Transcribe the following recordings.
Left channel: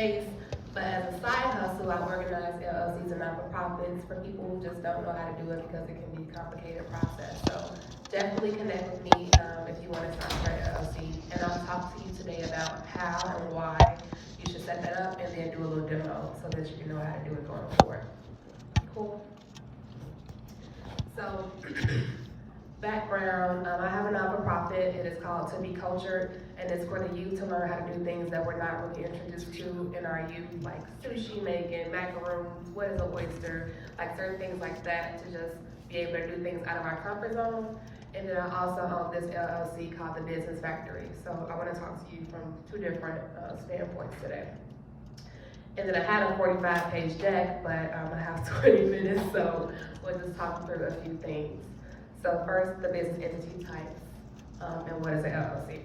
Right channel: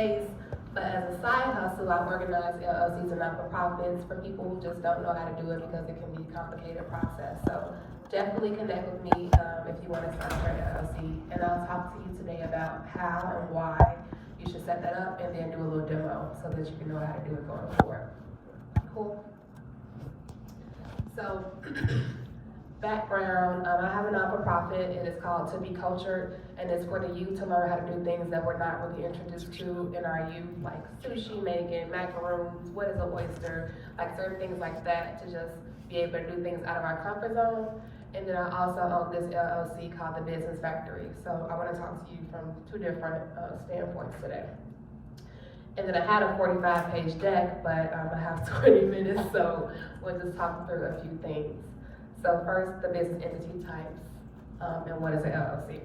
space. But as a side hustle, I organize LLCs and not-for-profits for people who just don't know how to do it because it can be a complicated process. So definitely connect with me if you want to start your LLC. And I'll talk to you today about how and why you should set that up and then do a little demo so that you can know how to do it going forward. Cool. So background, I have a not-for-profit. It is called To Be Cultured, and it's for the youth to learn how to do things that we're not really introduced to in our youth, like sushi making, macaroons, what is an oyster, like certain things like that, to just be able to do things out of our comfort zone. And then I also own this LLC called The Business Factory. So I want to talk to you from two different standpoints today. And then I had a 45-page deck, but I have 20 minutes, so we'll just talk through a few things. So first, the business entity types, and what is an LLC?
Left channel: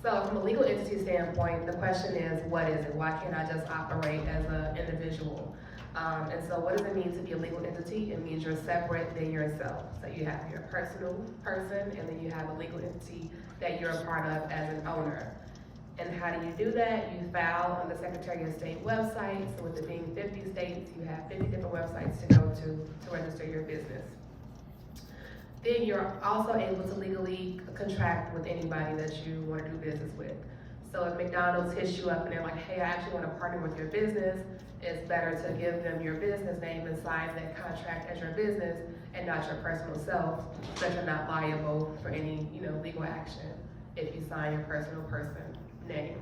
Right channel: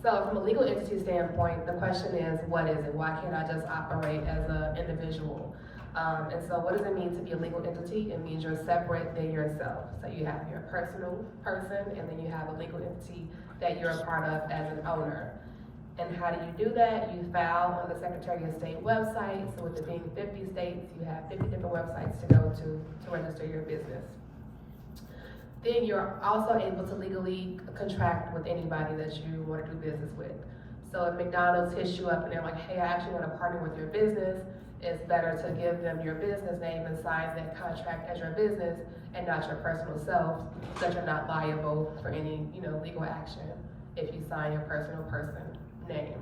So from a legal entity standpoint, the question is, what is it? Why can't I just operate as an individual? And so what does it mean to be a legal entity? It means you're separate than yourself. So you have your personal person, and then you have a legal entity that you're a part of as an owner. And how do you do that? You file on the Secretary of State website. So with it being 50 states, you have 50 different websites to go to register your business. Then you're also able to legally contract with anybody that you want to do business with. So if McDonald's hits you up and they're like, hey, I actually want to partner with your business, it's better to give them your business name and sign that contract as your business and not your personal self, so that you're not liable for any, legal action if you sign your personal person name.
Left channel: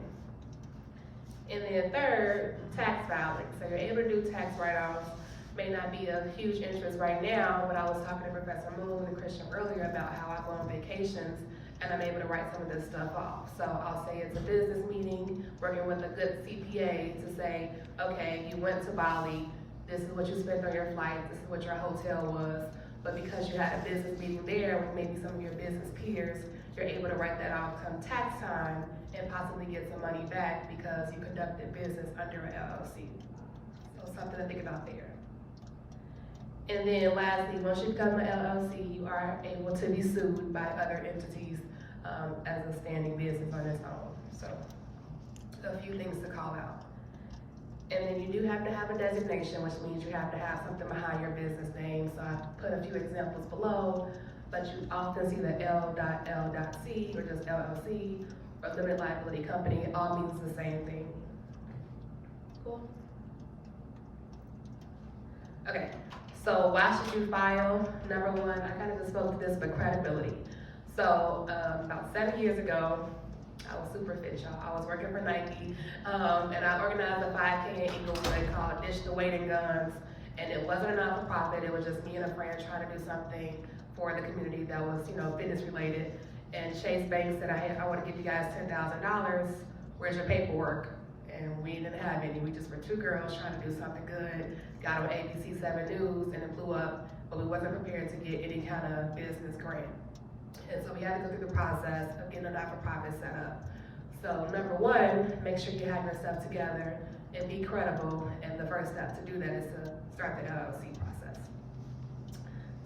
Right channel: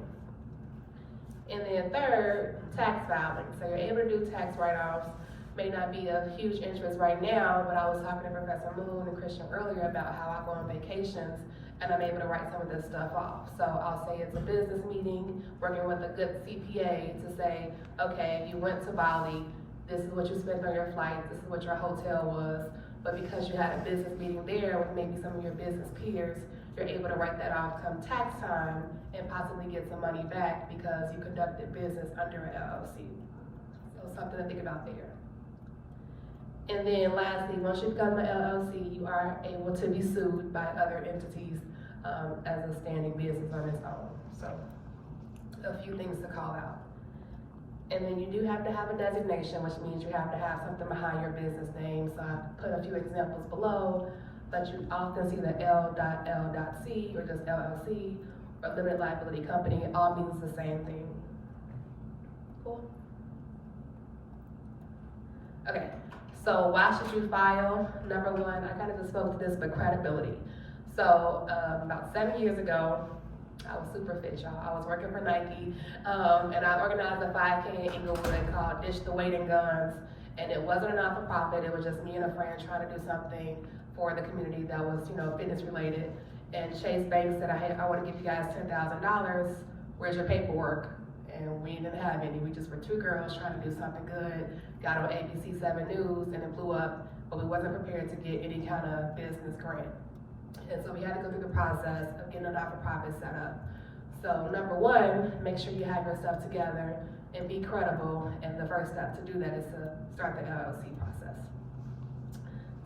And then third, tax filing. So you're able to do tax write-offs. May not be of huge interest right now, but I was talking to Professor Moon and Christian earlier about how I go on vacations and I'm able to write some of this stuff off. So I'll say it's a business meeting, working with a good CPA to say, okay, you went to Bali, this is what you spent on your flight, this is what your hotel was, but because you had a business meeting there with maybe some of your business peers, you're able to write that off come tax time and possibly get some money back because you conducted business under an LLC. So something to think about there. And then lastly, once you become an LLC, you are able to be sued by other entities as a standing business on its own. So a few things to call out. And then you do have to have a designation, which means you have to have something behind your business name. So I've put a few examples below, but you often see the L.L.C. or just LLC or limited liability company. It all means the same thing. Cool? Okay. So why should you file? Number one, I kind of just spoke to this, but credibility. So about 7 years ago, I was super fit, y'all. I was working for Nike, and I organized a 5K in Inglewood called Dish the Weight and Guns, and it wasn't a not-for-profit. It was just me and a friend trying to do something for the community that was, fitness related. And Chase Bank said, I want to give you guys $10,000. Where's your paperwork? And we didn't have any. We just were two girls trying to do something good, got on ABC 7 News, and it blew up, but we wasn't prepared to get any kind of business grant. And so we had to go through the process of getting a not-for-profit set up. So number one, make sure you have your stuff together and be credible, and the first step to do that is to start the LLC process.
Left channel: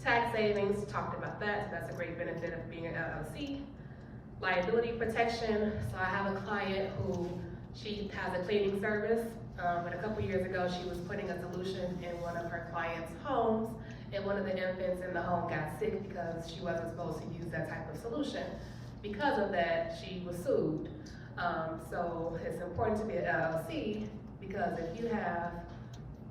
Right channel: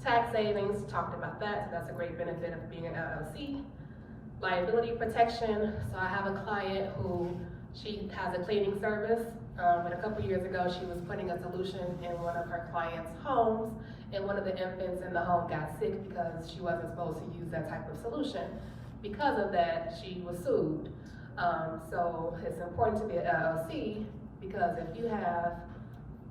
Tax savings, talked about that, so that's a great benefit of being an LLC. Liability protection, so I have a client who she has a cleaning service, and a couple years ago she was putting a solution in one of her clients' homes, and one of the infants in the home got sick because she wasn't supposed to use that type of solution. Because of that, she was sued. So it's important to be an LLC because if you have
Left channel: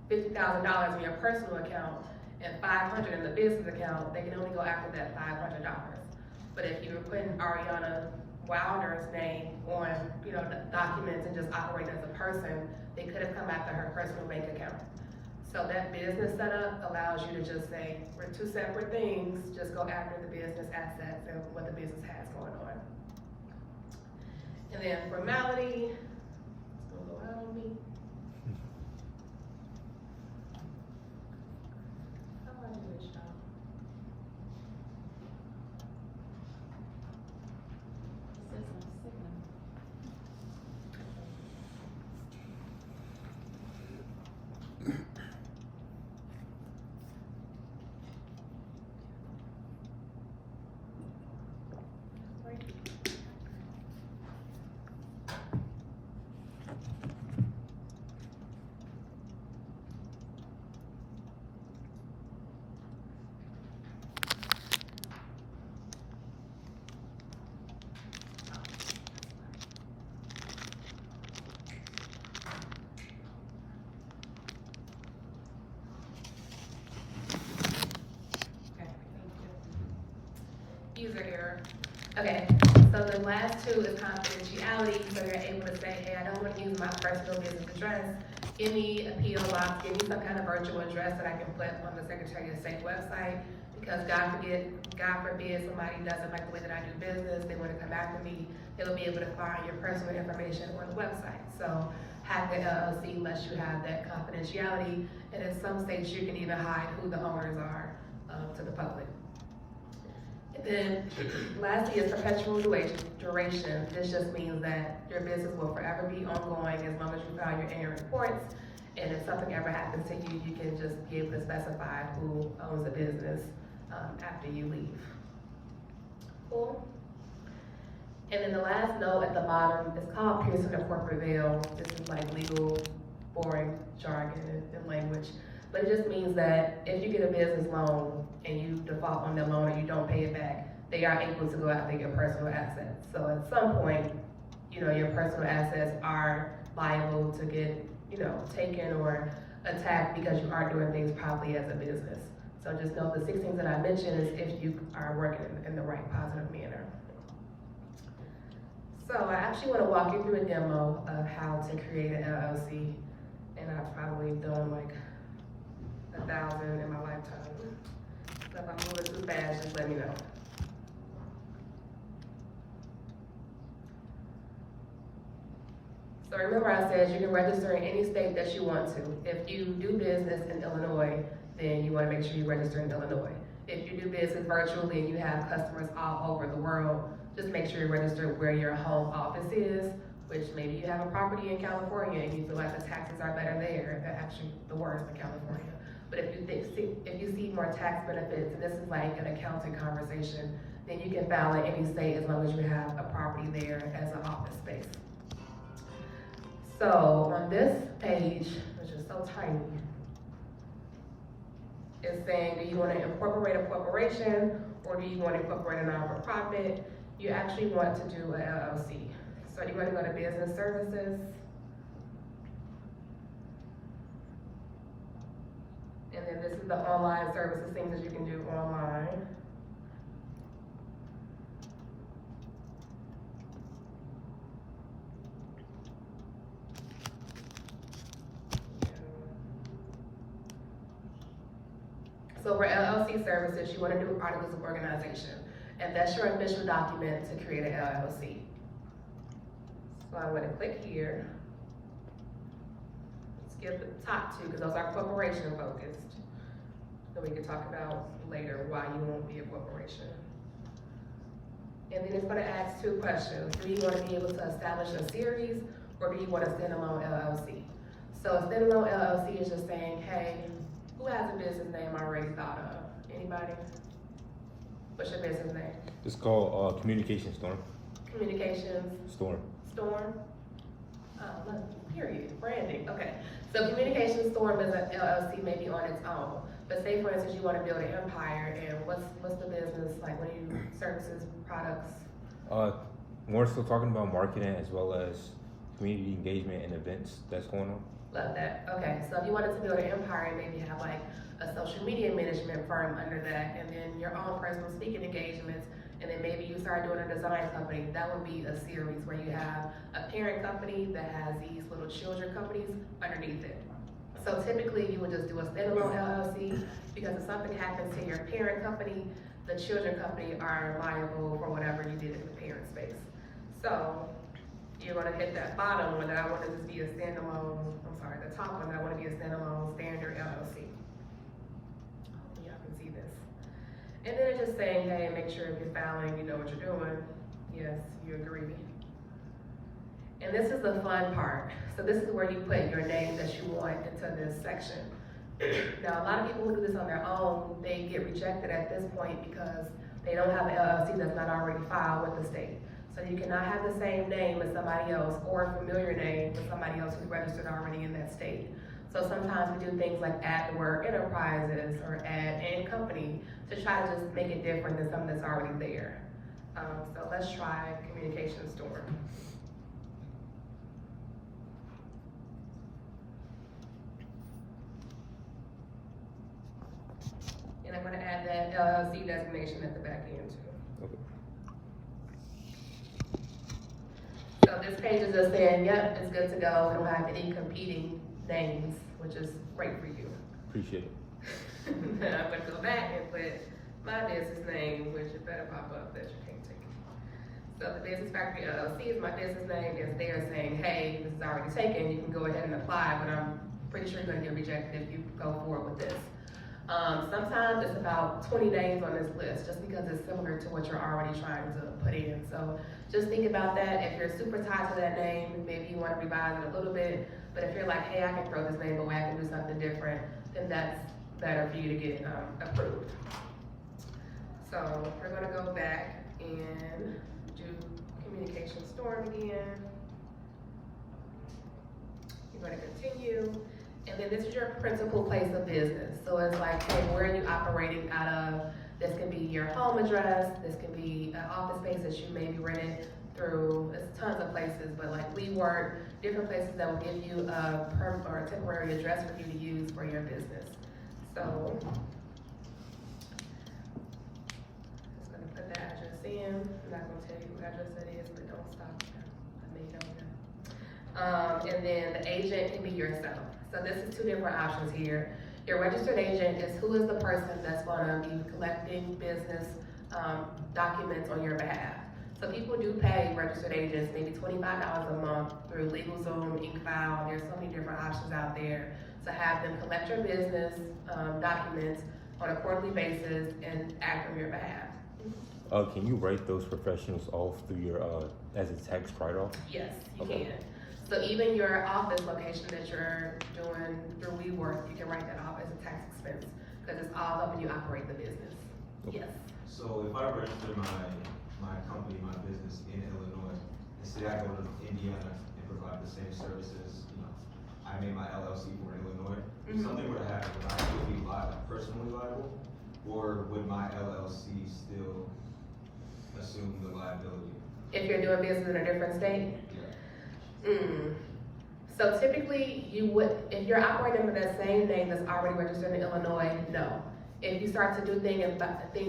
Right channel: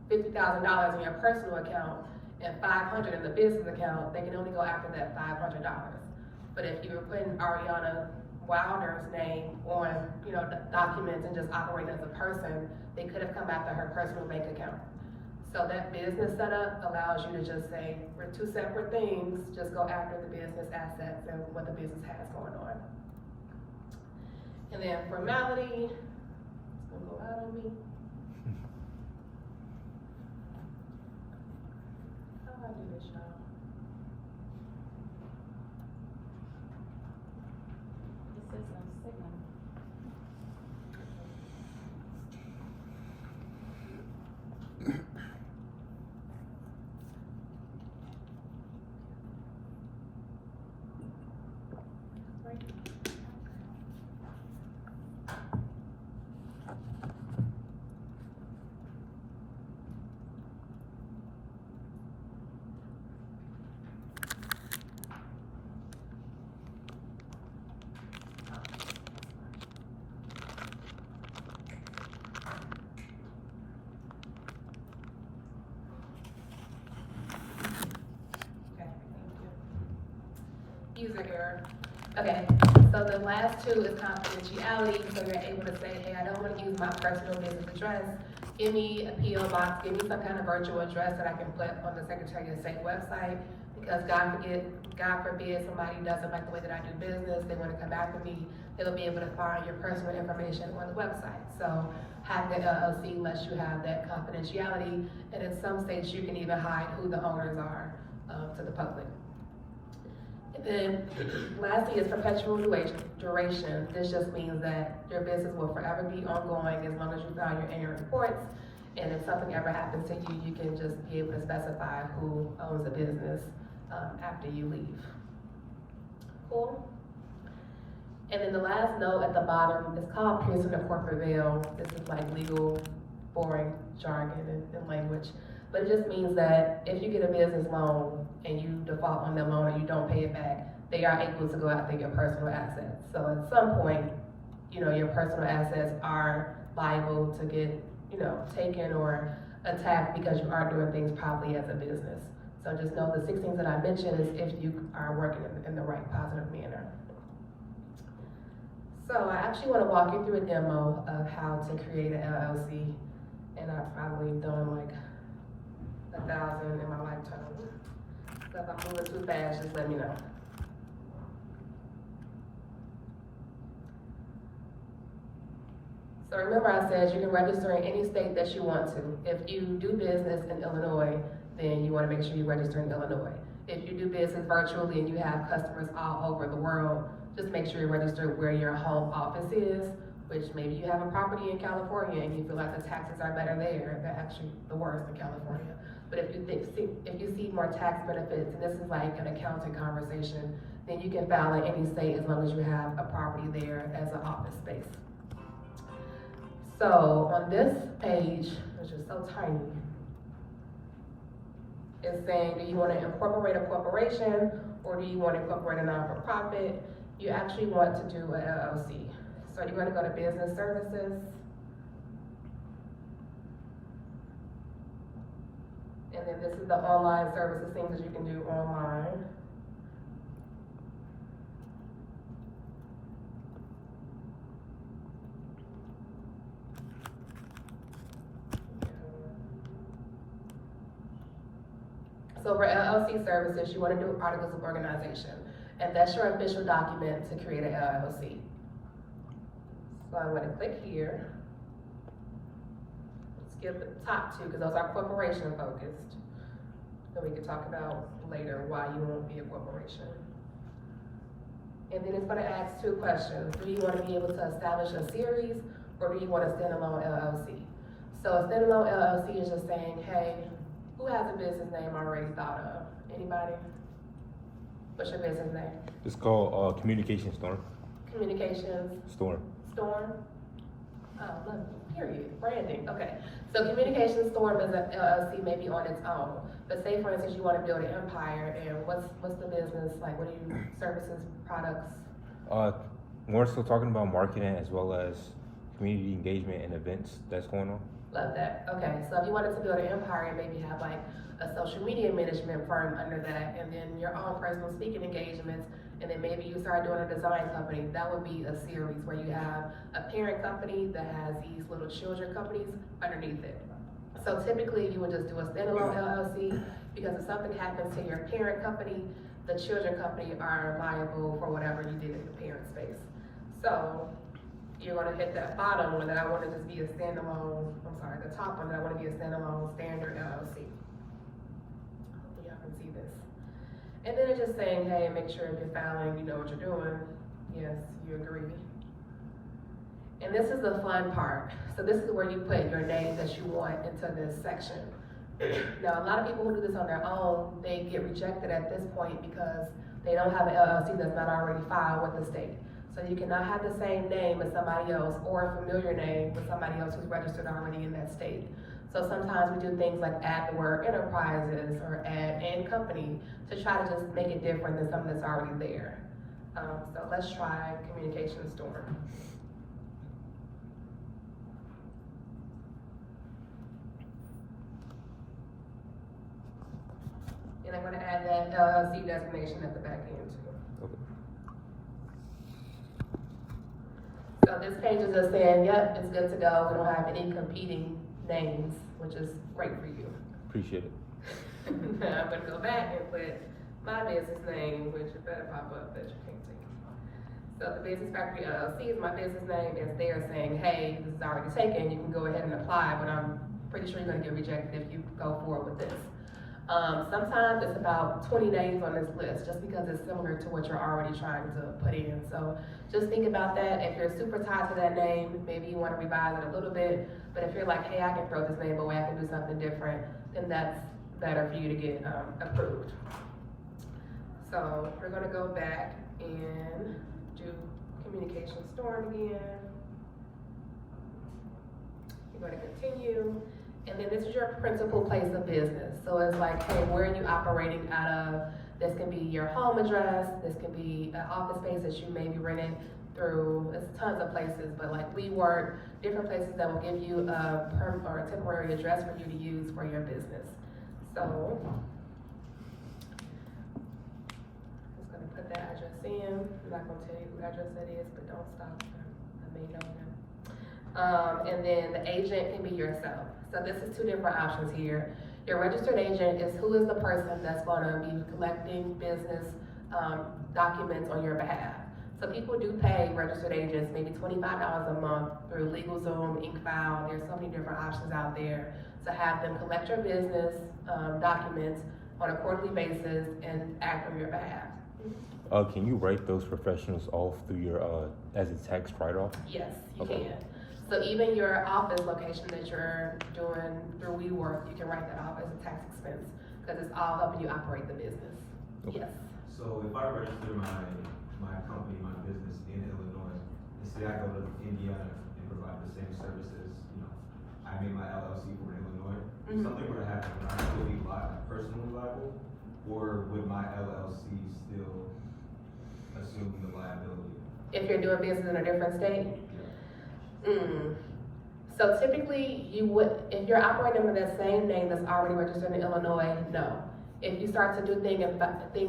$50,000 in your personal account and $500 in the business account, they can only go after that $500. But if you were putting Ariana Wilder's name on, documents and just operate as a person, they could have come after her personal bank account. So that business setup allows you to just say, we're two separate things, just go after the business assets and what the business has going on. And then formality, it's gonna go out on me. How do I do this, y'all? 2 is confidentiality, so you're able to say, hey, I don't want to use my personal business address. Give me a PO box, give me some kind of virtual address that I can put on the Secretary of State website, because God forbid somebody doesn't like the way that I do business, they want to come after me, they'll be able to find your personal information on the website. So have the LLC lets you have that confidentiality, and in some states you can even hide who the owners are to the public. And then lastly is perpetual duration. This just means that your business will forever be ongoing as long as you file your annual reports. And if something ever happens to you, you can just be able to specify who owns the business after you leave. Cool? And then the last note at the bottom is called piercing the corporate veil. This is like legal, boring jargon and language. But it just means that if you get a business loan and you default on the loan or you don't pay it back, they are able to go after your personal assets. So at some point, your personal assets are liable to get, taken or attacked because you aren't doing things properly as a business. So just know the 6 things that I mentioned is if you are working in the right positive manner. So I actually want to walk you through a demo of how to create an LLC, and I've probably done like 1,000 in my lifetime. So if I'm moving too fast, just let me know. So remember I said you can register in any state that you want to. If you do business in Illinois, then you want to make sure you register in Illinois. If you do business virtually and you have customers all over the world, just make sure you register where your home office is, which maybe you have a property in California and you feel like the taxes are better there. They're actually the worst in California. But if you see more tax benefits, and this is like an accounting conversation, then you can file in any state as long as you have a property there as an office space. So on this page, which is so tiny, it's saying, do you want to incorporate a corporation or do you want to incorporate a non-for-profit? You actually want to do an LLC. So you're going to go to business services. And then this is the online services, things that you can do online. So for LLC services, you want to do articles of organization, and that's your official document to create an LLC. So I'm going to click here. Skip the top 2 because those are corporation focused. So we can talk about later why you won't be a corporation. And then it's going to ask 2 questions. Do you want to be able to establish a series or do you want a standalone LLC? So a standalone LLC is just saying, hey, who has a business name already thought of? Anybody? What's your business name? It's called Communication Storm. Communications? Storm. Storm? Period. Branding. Okay. So Communication Storm is an LLC maybe on its own. But say for instance you want to build an empire, and what's the business like? What are you services, products? We're still talking about marketing as well as community engagement and events that's going on. Love that. Okay, so if you wanted to build an empire and maybe have like a social media management firm under that, and then your own personal speaking engagements, and then maybe you start doing a design company, that would be a series where you have a parent company that has these little children companies underneath it. So typically you would just do a standalone LLC because if something happens to your parent company, the children company are liable for whatever you did in the parent space. So you're going to hit that bottom one that I want to just be a standalone, the top one that I want to be a standalone standard LLC. Hopefully y'all can see this. And then it's just saying, hey, make sure if you're filing, you know what you're doing. Yes, you agree. And this is the fun part. So this is where you put your name that you want into this section. Now, a lot of people who do this on their own, they get rejected at this point because they don't have an LLC that's not already filed with the state. So you cannot have the same name as somebody else or a familiar name with somebody else who's registered already in that state. So sometimes we do things like add the word enterprises or add and company to try to just make it different than something that's already there. So let's try Communication Storm. And I'm going to add that LLC designation at the back end too. this page is just saying, yep, it's good to go, we don't have any competing names, which is great for you. Appreciate it. Now I'm gonna go back and put my business name, which it better pop up that you can't take. So the Business Factory LLC is my business name, it's there saying, hey, this is already taken, you can go ahead and apply, but I'm pretty sure you're gonna get rejected if you go forward with this. Sometimes it's about 20 names on this list, just because it's similar to what you're already trying to put in. So just think about that. If you're super tied to that name, maybe you wanna revise it a little bit, but if you're like, hey, I can throw this name away, I can do something different, then that's better for you to get approved. So we're gonna go back and do communication storm again. You're gonna continue. And then this is your principal place of business. So it's like, hey, where are you operating out of? This can be your home address, this can be an office space that you may be renting through, there's tons of places, but like WeWork, different places that will give you a temporary address for you to use for your business. So, just gonna put that address in. I'm not gonna tell you what address that is, but don't stop. I may know. And then the agent can be yourself. So this is two different options here. Your registered agent is who is the person that's gonna be collecting business documents on your behalf. So people do pay registered agents maybe $25 a month through LegalZoom, InkFile. There's so many different options out there to have them collect your business documents on a quarterly basis and act on your behalf. Can you write those professionals off through your, as a tax write-off? Yes, you Okay. can. So even your office location that you're doing through WeWork, you can write that off as a tax expense, because it's all helping you operate the business. Okay. Yes. So if I register my company, my business in Illinois, and say I go to Indiana and provide the same services, you know, I made my LLC for Illinois, if Mhm. something were to happen, would I still be personally liable? Or would my LLC still assume the liability? If you're doing business in a different state? Yeah. So typically, you would, if you're operating under that same name that's already registered in Illinois, no. If you start to do things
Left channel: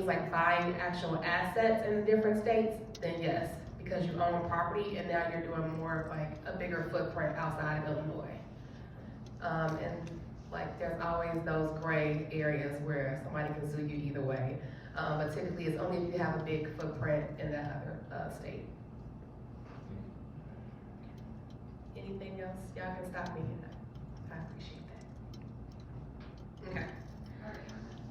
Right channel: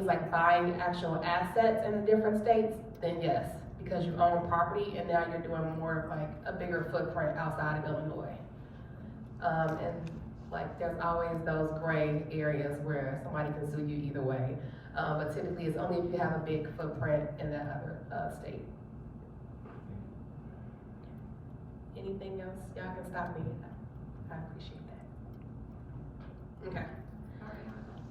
like buying actual assets in different states, then yes, because you own property and now you're doing more of like a bigger footprint outside of Illinois. And like there's always those gray areas where somebody can sue you either way. But typically it's only if you have a big footprint in that other state. Anything else? Y'all can stop me. I appreciate that. Okay.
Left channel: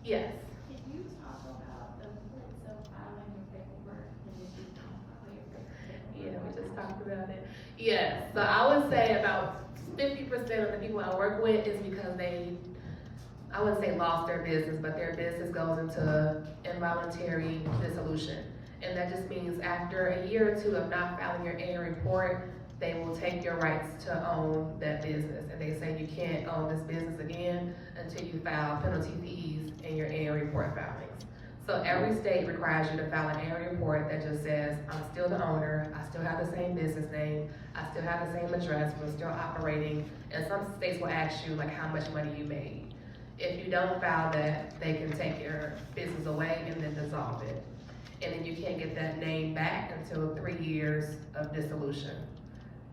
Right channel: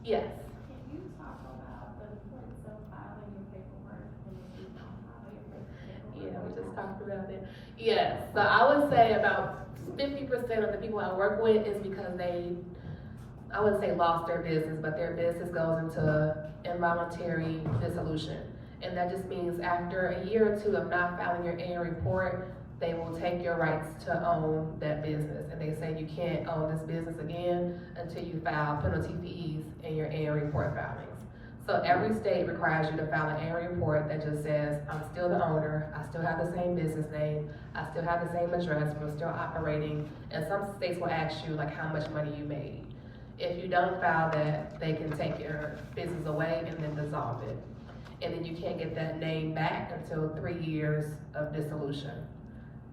Yes. Can you talk about the importance of filing your paperwork and if you don't file your paperwork? Yeah, we just talked about it. Yeah, so I would say about 50% of the people I work with is because they, I wouldn't say lost their business, but their business goes into involuntary dissolution. And that just means after a year or two of not filing your annual report, they will take your rights to own that business. And they say you can't own this business again until you file penalty fees in your annual report filings. So every state requires you to file an annual report that just says, I'm still the owner, I still have the same business name, I still have the same address, we're still operating. And some states will ask you like how much money you made. If you don't file that, they can take your business away and then dissolve it. And then you can't get that name back until 3 years of dissolution.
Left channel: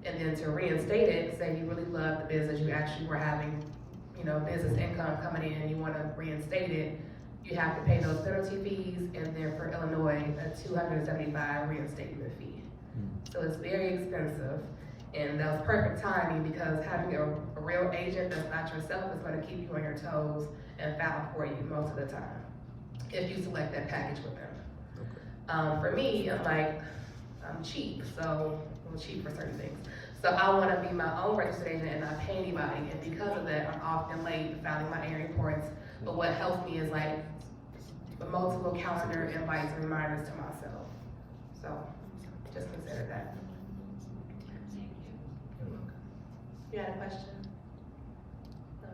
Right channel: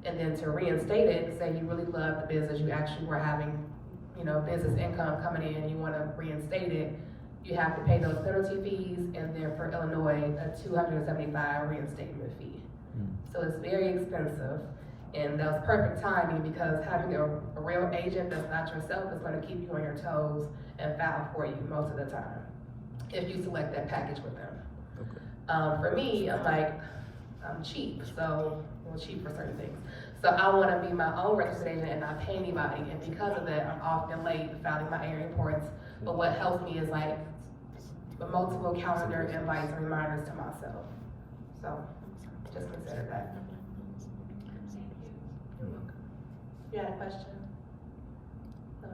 And then to reinstate it, say you really love the business, you actually were having, you know, business income coming in, and you want to reinstate it, you have to pay those penalty fees, and then for Illinois, a $275 reinstatement fee. So it's very expensive, and that was perfect timing because having a real agent that's not yourself is going to keep you on your toes and file for you most of the time, if you select that package with them. For me, I'm cheap, so I'm cheap for certain things. So I want to be my own registered agent and not pay anybody, and because of that, I'm often late filing my annual reports. But what helps me is like multiple calendar invites and reminders to myself. So just consider that. You had a question?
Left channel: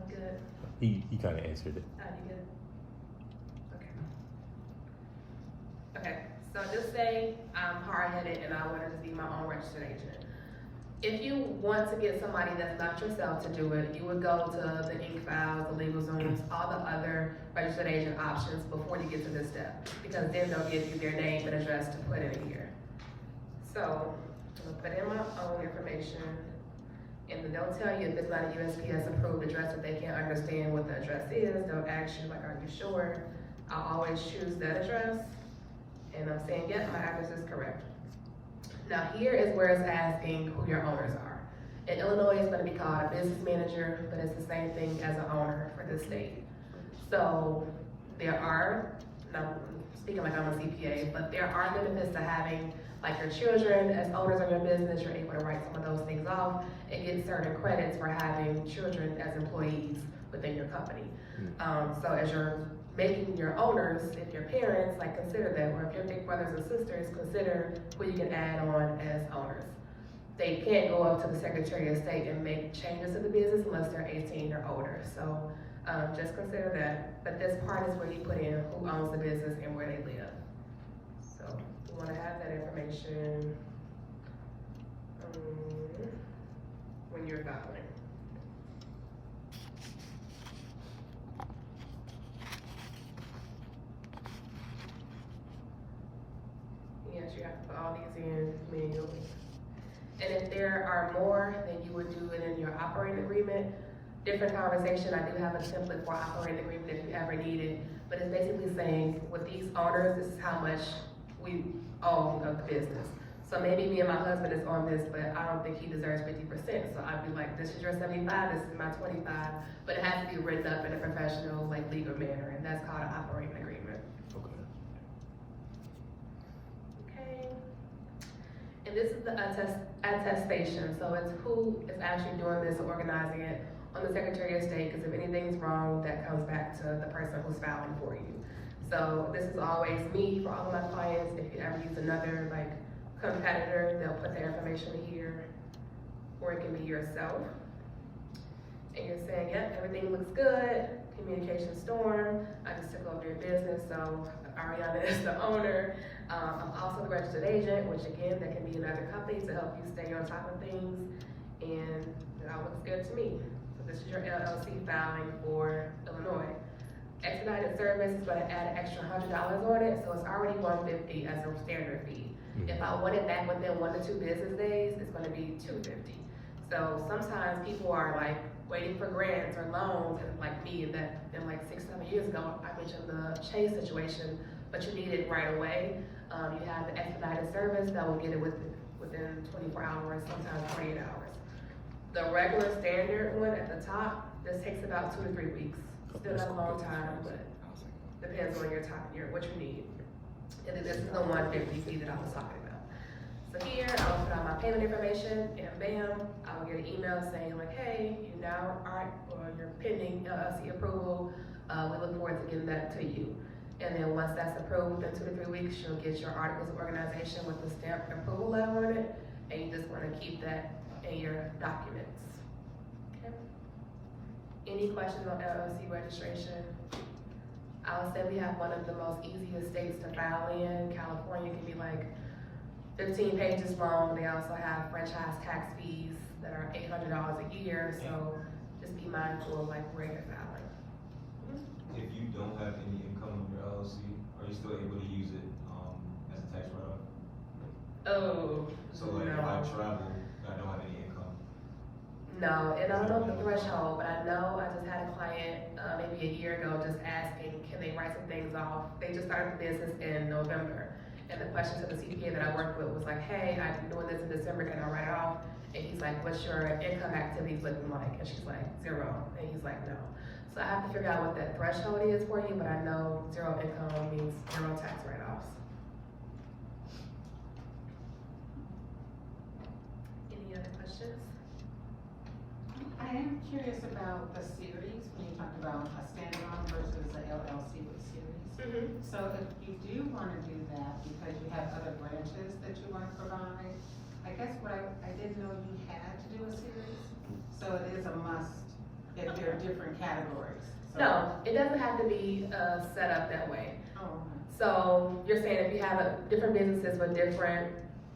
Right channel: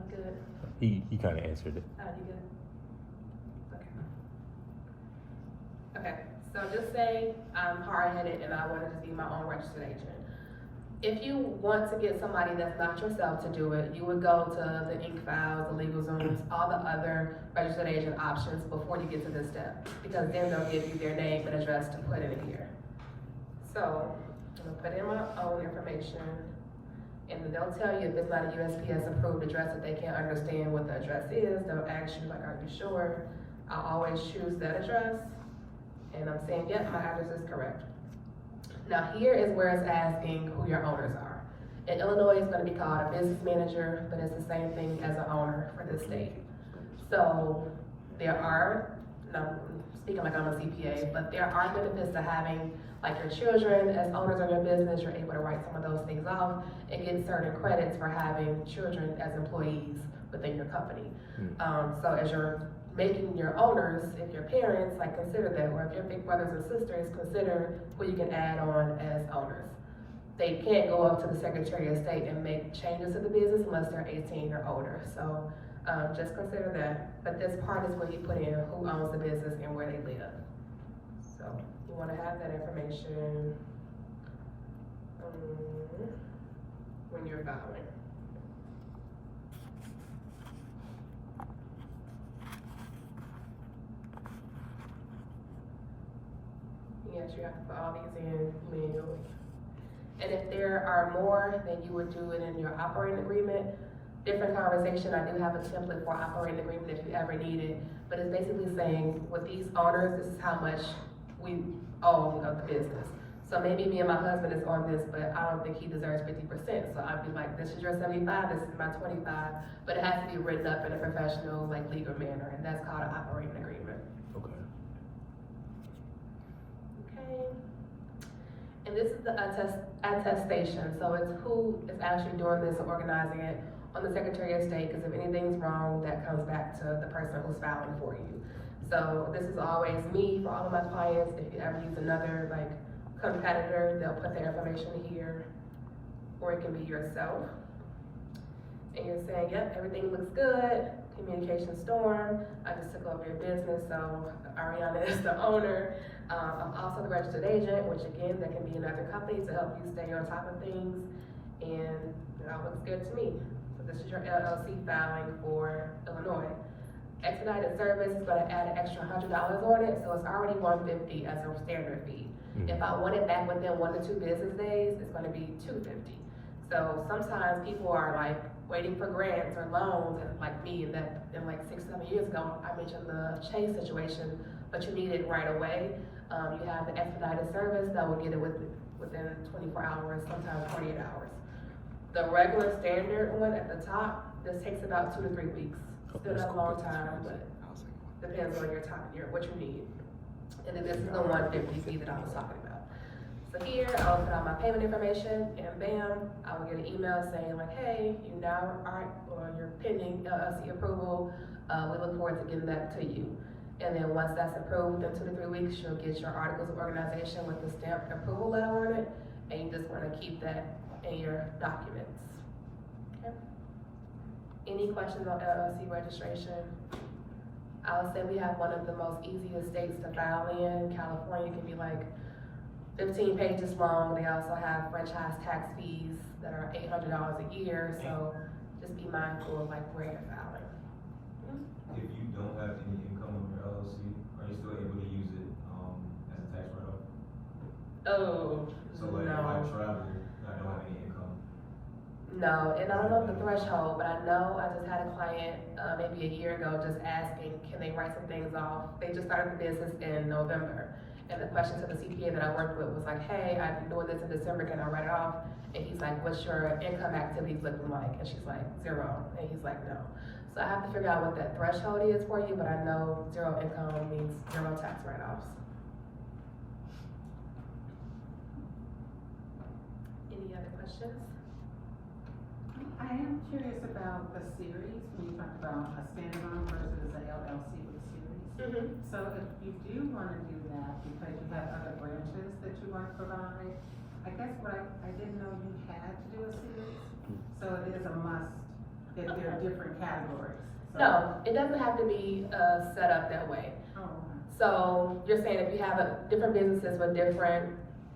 Good. He kind of answered it. You good? Okay. Okay, so just say I'm hard-headed and I want to just be my own registered agent. If you want to get somebody that's not yourself to do it, you would go to the InkFiles, the LegalZooms, all the other registered agent options before you get to this step, because then they'll give you their name and address to put in here. So I'm gonna put in my own information, and then they'll tell you if it's not a USPS approved address, if they can't understand what the address is, they'll ask you like, are you sure? I always choose that address, and I'm saying, yep, my address is correct. Now here is where it's asking who your owners are. In Illinois, it's gonna be called a business manager, but it's the same thing as an owner for this state. So there are, now, speaking like I'm a CPA, but there are benefits to having like your children as owners of your business. You're able to write some of those things off and get certain credits for having children as employees within your company. So as you're making your owners, if your parents, like consider them, or if your big brothers and sisters, consider who you can add on as owners. They can't go up to the Secretary of State and make changes to the business unless they're 18 or older. So just consider that. But this part is where you put in who owns the business and where they live. So you want to have that information when you're filing. Yes, you have to put all these in manually. And if there are more, then you would do it in your operating agreement. Different conversation, I do have a template for operating agreement if you ever need it, but it's basically saying, with these owners, this is how much we own of the business. So maybe me and my husband is on this, but I don't think he deserves 50%, so I'd be like, this is your 75, this is my 25, but it has to be written up in a professional, like, legal manner, and that's called an operating agreement. Okay. And this is the attestation, so it's who is actually doing this or organizing it on the Secretary of State, because if anything's wrong, that comes back to the person who's filing for you. So this is always me for all of my clients. If you ever use another like competitor, they'll put their information here, or it can be yourself. And you're saying, yep, everything looks good, communication storm, I just took over your business, so Ariana is the owner. I'm also the registered agent, which again, that can be another company to help you stay on top of things, and it all looks good to me. So this is your LLC filing for Illinois. Expedited service is gonna add an extra $100 on it, so it's already $150 as a standard fee. If I want it back within 1 to 2 business days, it's gonna be $250. So sometimes people are like waiting for grants or loans, and like me, and that in like 6-7 years ago, I mentioned the Chase situation, but you need it right away. You have the expedited service that will get it within 24 hours, sometimes 48 hours. The regular standard one at the top, this takes about 2 to 3 weeks. Still not a long time, but depends on your time, what you need. And then this is the 150 fee that I was talking about. So here, I'll put out my payment information, and bam, I will get an email saying like, hey, you now are, or you're pending LLC approval. We look forward to getting that to you. And then once that's approved, in 2 to 3 weeks, you'll get your articles of organization with the stamped approval letter on it, and you just want to keep that in your documents. Okay. Any questions on LLC registration? I would say we have one of the most easiest states to file in. California can be like 15 pages long. They also have franchise tax fees that are $800 a year, so just be mindful of like where you're filing. If you don't have any income on your LLC, are you still able to use it as a tax write-off? Oh, So like if no. I travel, I don't have any income. No, and I don't know the threshold, but I know I just had a client maybe a year ago just asking, can they write some things off? They just started the business in November. And the question to the CPA that I worked with was like, hey, I'm doing this in December, can I write it off? And he's like, what's your income activities looking like? And she's like, 0. And he's like, no. So I have to figure out what that threshold is for you, but I know 0 income means 0 tax write-offs. Any other questions? I am curious about the series, when you talked about a standalone versus a LLC with series. So if you do want to do that because you have other branches that you want to provide, I guess what I didn't know you had to do a series. So it is a must if there are different categories. So. No, it doesn't have to be set up that way. Oh, okay. So you're saying if you have different businesses with different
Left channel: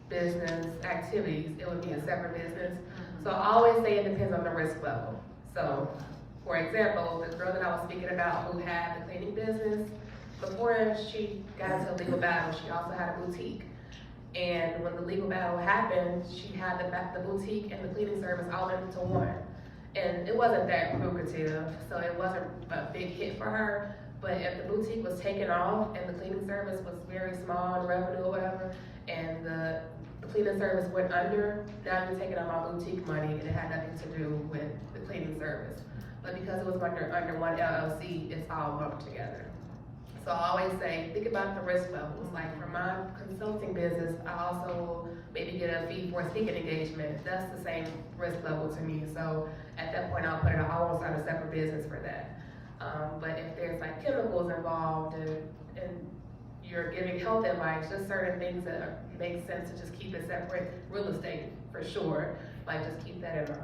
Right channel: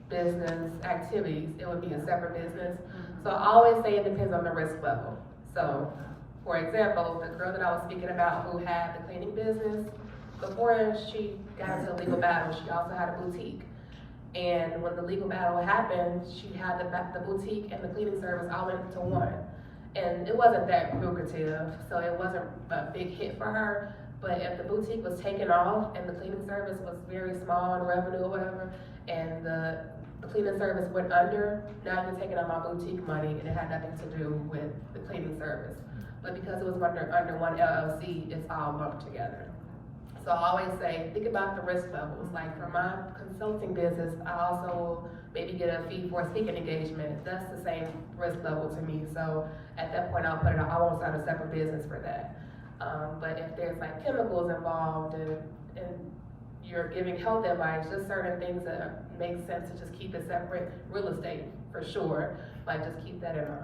business activities, it would be a separate business. So I always say it depends on the risk level. So, for example, the girl that I was speaking about who had the cleaning business, before she got into a legal battle, she also had a boutique. And when the legal battle happened, she had the boutique and the cleaning service all into one. And it wasn't that lucrative, so it wasn't a big hit for her. But if the boutique was taken off and the cleaning service was very small in revenue or whatever, and the cleaning service went under, now you're taking out my boutique money, and it had nothing to do with the cleaning service. But because it was under one LLC, it's all lumped together. So I always say, think about the risk levels. Like for my consulting business, I also will maybe get a fee for a speaking engagement. That's the same risk level to me. So at that point, I'll put it on, I won't start a separate business for that. But if there's like chemicals involved and you're giving health advice, just certain things that make sense to just keep it separate. Real estate, for sure, like just keep that in mind.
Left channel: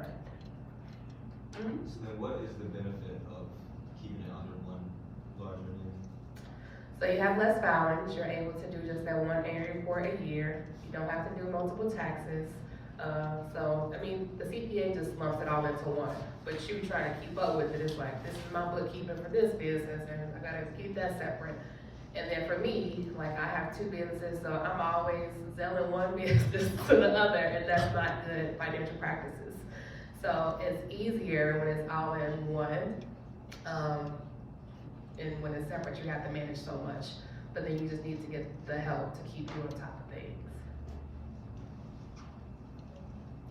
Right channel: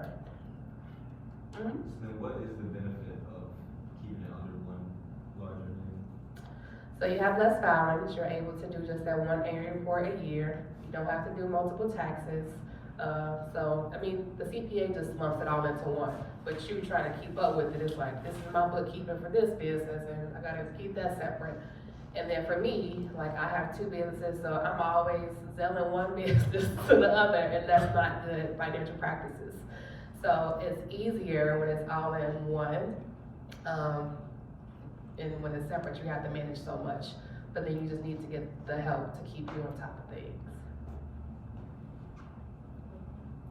So then what is the benefit of keeping it under one larger name? So you have less filings, you're able to do just that one annual report a year, you don't have to do multiple taxes. So, I mean, the CPA just lumps it all into one, but you trying to keep up with it, it's like, this is my bookkeeping for this business, and I gotta keep that separate. And then for me, like, I have two businesses, so I'm always selling one business to the other, and that's not good financial practices. So it's easier when it's all in one, and when it's separate, you have to manage so much, but then you just need to get the help to keep you on top of things.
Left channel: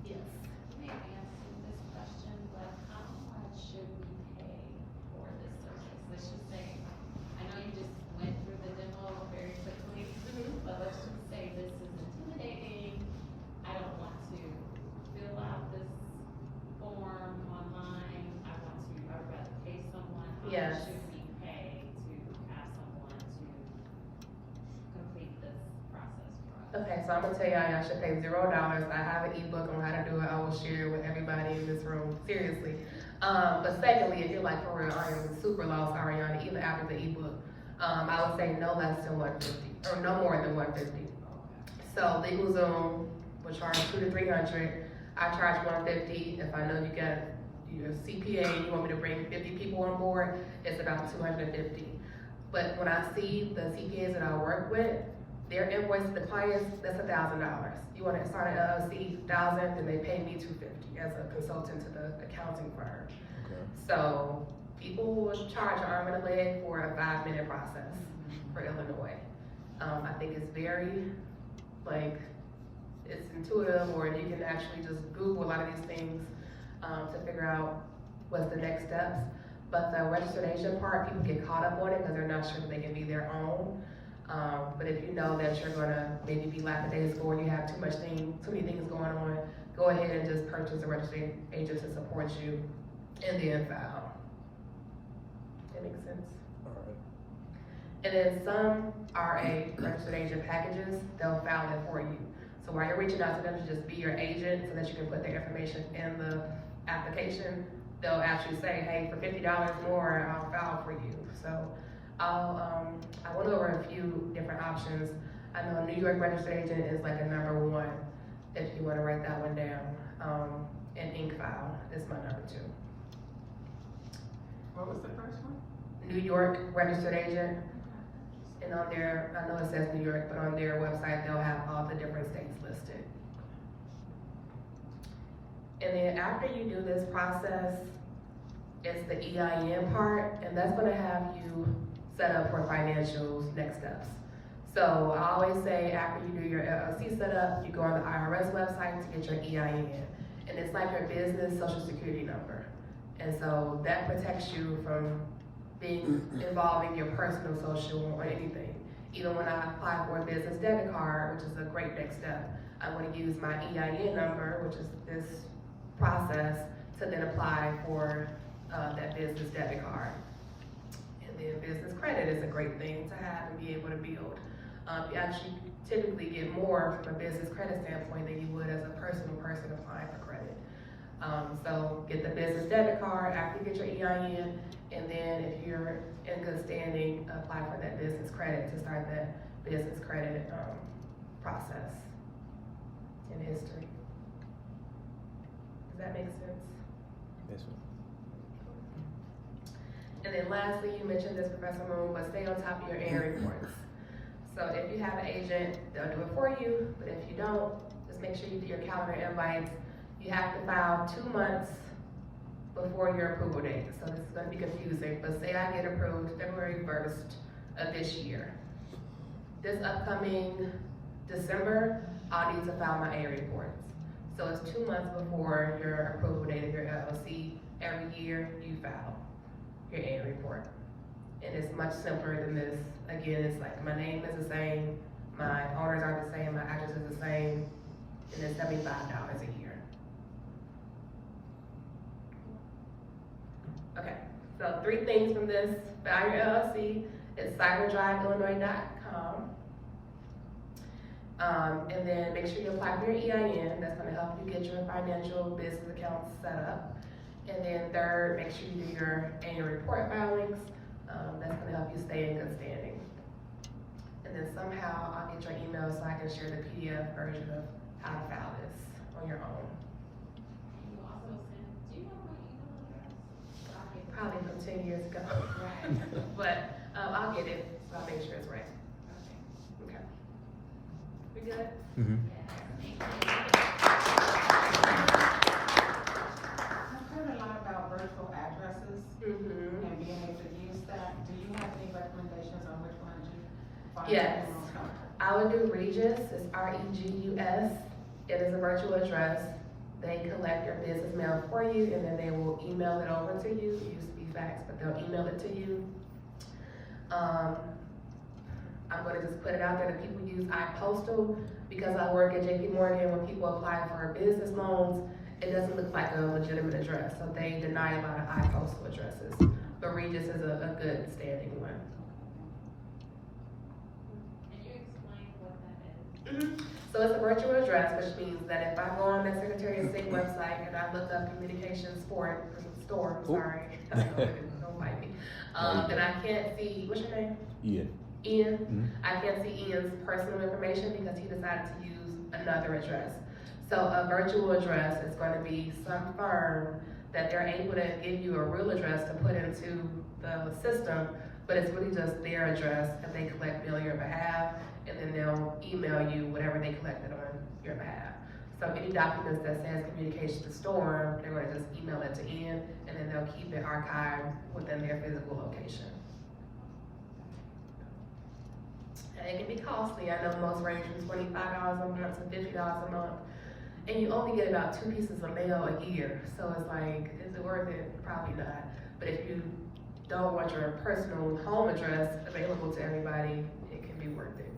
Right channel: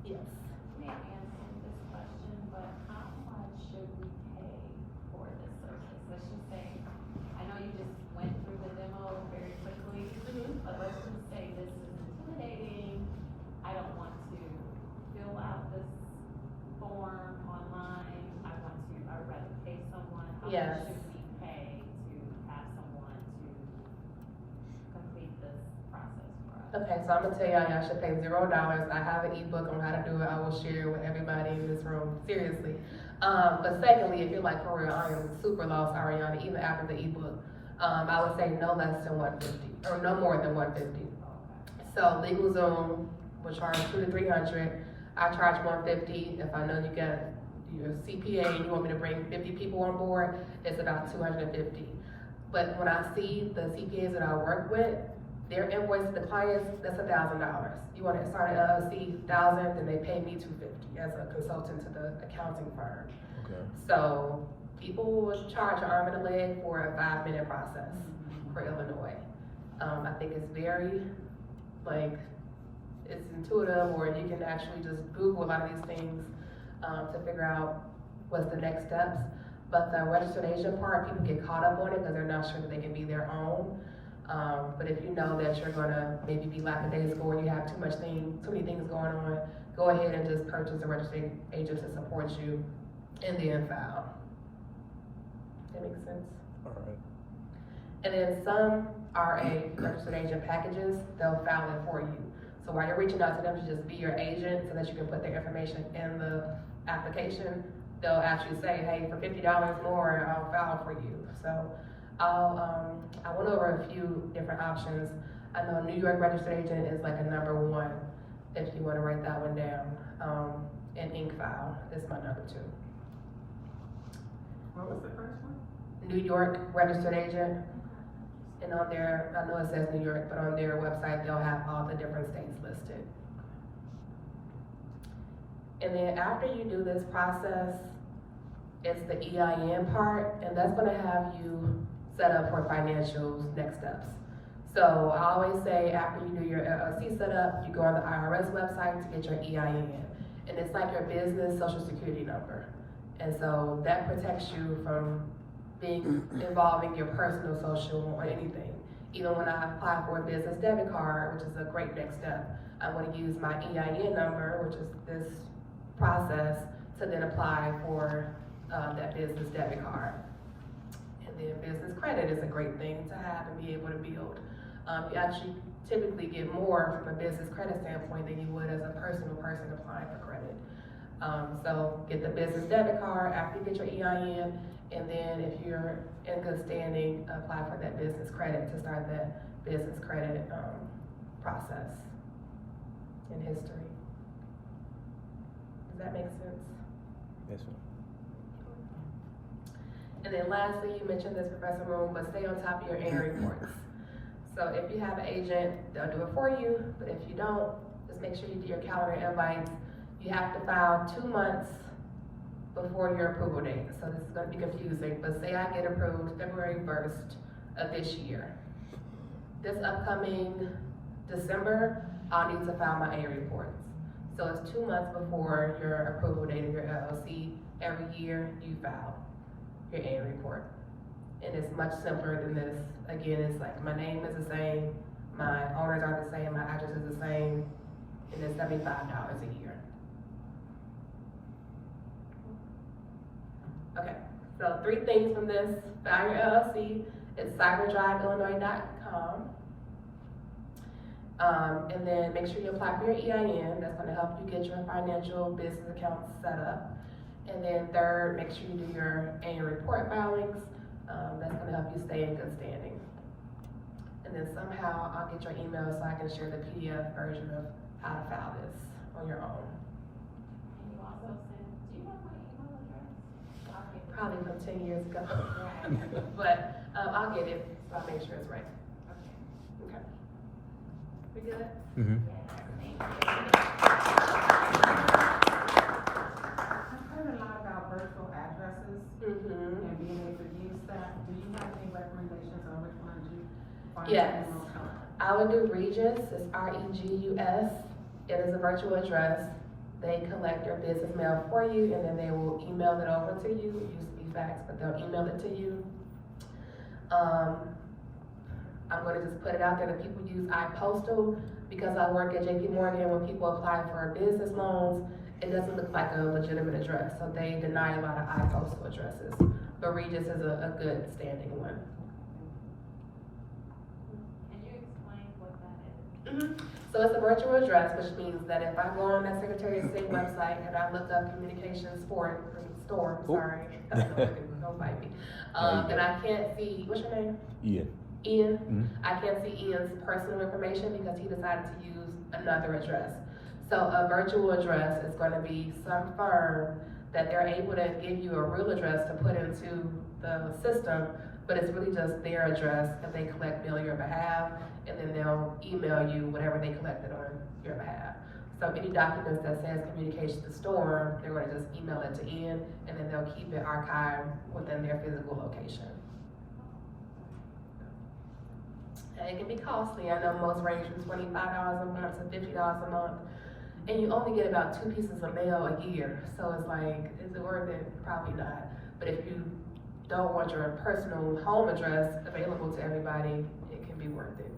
Yes. May I answer this question, but how much should we pay for this service? Let's just say, I know you just went through the demo very quickly, but let's just say this is intimidating. I don't want to fill out this form online. I would rather pay someone. How Yes. much should we pay to have someone to complete this process for us? Okay, so I'm gonna tell y'all, y'all should pay $0. I have an ebook on how to do it. I will share it with everybody in this room, seriously. But secondly, if you're like, for real, I'm super lost, Ariana, even after the ebook, I would say no less than 150, or no more than 150. So LegalZoom will charge $200 to $300. I charge 150. If I know you got your CPA and you want me to bring 50 people on board, it's about 250. But when I see the CPAs that I work with, their invoice to the clients, that's $1,000. You want to start an LLC, $1,000, then they pay me $250 as a consultant to the accounting firm. Okay. So people will charge an arm and a leg for a 5-minute process for Illinois. I think it's very, like, it's intuitive, or you can actually just Google a lot of these things to figure out what's the next steps. But the registered agent part, people get caught up on it because they're not sure that they can be their own. But if you know that you're gonna maybe be lackadaisical or you have too many things going on, go ahead and just purchase a registered agent to support you and then file. That makes sense? Alright. And then some RA registered agent packages, they'll file it for you. So while you're reaching out to them to just be your agent so that you can put their information in the application, they'll actually say, hey, for $50 more, I'll file for you. So I went over a few different options. I know New York registered agent is like a #1, if you wanna write that one down. And InkFile is my #2. What was the first one? New York registered agent, and on their, I know it says New York, but on their website, they'll have all the different states listed. And then after you do this process, it's the EIN part, and that's gonna have you set up for financials next steps. So I always say after you do your LLC setup, you go on the IRS website to get your EIN. And it's like your business social security number. And so that protects you from being involving your personal social or anything. Even when I apply for a business debit card, which is a great next step, I'm gonna use my EIN number, which is this process, to then apply for that business debit card. And then business credit is a great thing to have and be able to build. You actually typically get more from a business credit standpoint than you would as a personal person applying for credit. So get the business debit card after you get your EIN, and then if you're in good standing, apply for that business credit to start that business credit process in history. Does that make sense? Yes, ma'am. And then lastly, you mentioned this, Professor Moon, but stay on top of your annual reports. So if you have an agent, they'll do it for you, but if you don't, just make sure you do your calendar invites. You have to file 2 months before your approval date, so this is gonna be confusing, but say I get approved February 1st of this year. This upcoming December, I'll need to file my A reports. So it's 2 months before your approval date of your LLC. Every year, you file your A report. And it's much simpler than this. Again, it's like, my name is the same, my owners are the same, my address is the same, and it's $75 a year. Okay, so 3 things from this, file your LLC, it's cyberdriveillinois.com. And then make sure you apply for your EIN, that's gonna help you get your financial business accounts set up. And then third, make sure you do your annual report filings, that's gonna help you stay in good standing. And then somehow I'll get your email so I can share the PDF version of how to file this on your own. And you also send, do you have my email address? So I'll get it. Probably from 10 years ago. Right. But, I'll get it, so I'll make sure it's right. Okay. Okay. We good? Mm-hmm. I've heard a lot about virtual addresses Mm-hmm. and being able to use that. Do you have any recommendations on which one you find Yes. the most helpful? I would do Regus, it's R-E-G-U-S. It is a virtual address. They collect your business mail for you, and then they will email it over to you. It used to be fax, but they'll email it to you. I'm gonna just put it out there that people use iPostal, because I work at JP Morgan. When people apply for business loans, it doesn't look like a legitimate address, so they deny a lot of iPostal addresses. But Regus is a good standing one. Can you explain what that is? So it's a virtual address, which means that if I go on that Secretary of State website and I look up communications storm, sorry, don't bite me. Then I can't see, what's your name? Ian. Ian. Mhm. I can't see Ian's personal information because he decided to use another address. So a virtual address is going to be some firm that they're able to give you a real address to put into the system, but it's really just their address, and they collect mail on your behalf, and then they'll email you whatever they collected on your behalf. So any documents that says communication to store, they're going to just email it to Ian, and then they'll keep it archived within their physical location. And it can be costly. I know most range from $25 a month to $50 a month. And you only get about 2 pieces of mail a year. So it's like, is it worth it? Probably not. But if you don't want your personal home address available to everybody, it can be worth it.